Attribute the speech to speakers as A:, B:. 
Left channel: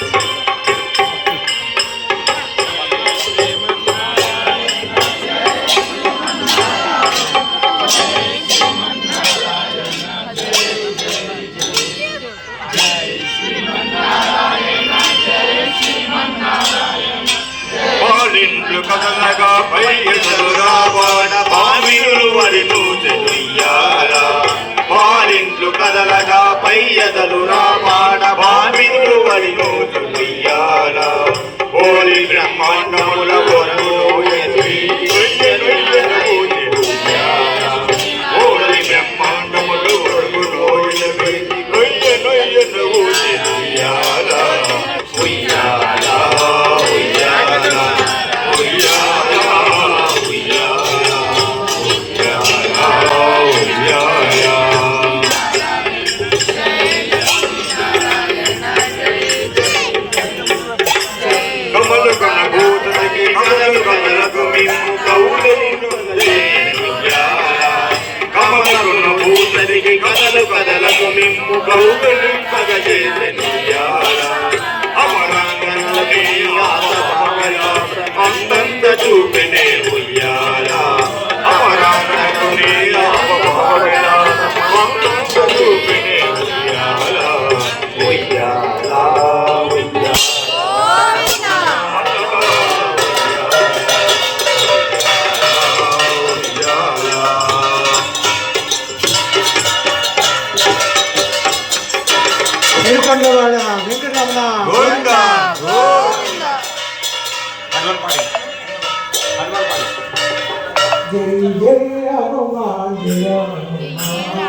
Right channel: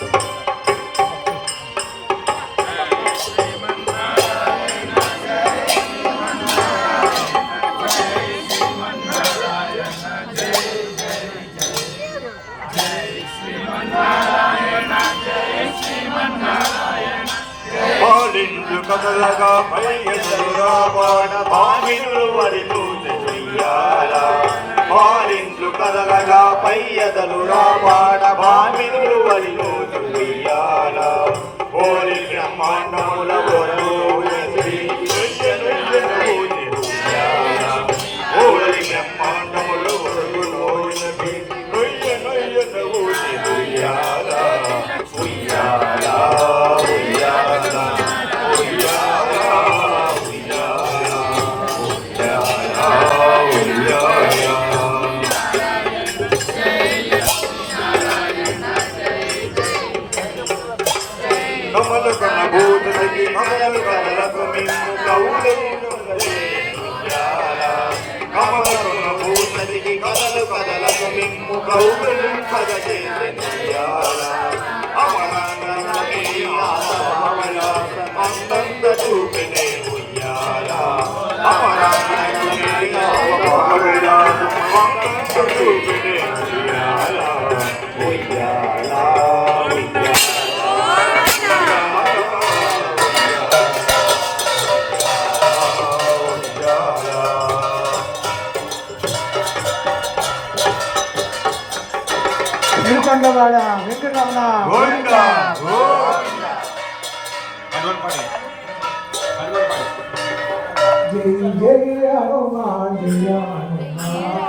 A: Jai Shri Manarayana Jai Jai Jai Shri Manarayana Jai Jai Jai Jai Shri Manarayana Jai Jai Jai Jai Shri Manarayana Jai Shri Manarayana Jai I'm no, no, no. ప్రజలకు మింపు కౌతులు పగజేసను
B: శ్రీకొండవాడ వెంకటరమణ గోవిందా
C: హనుమాన్ పాడి హనుమాన్ పాడి
D: జై జయ హనుమాన్ జయ హనుమాన్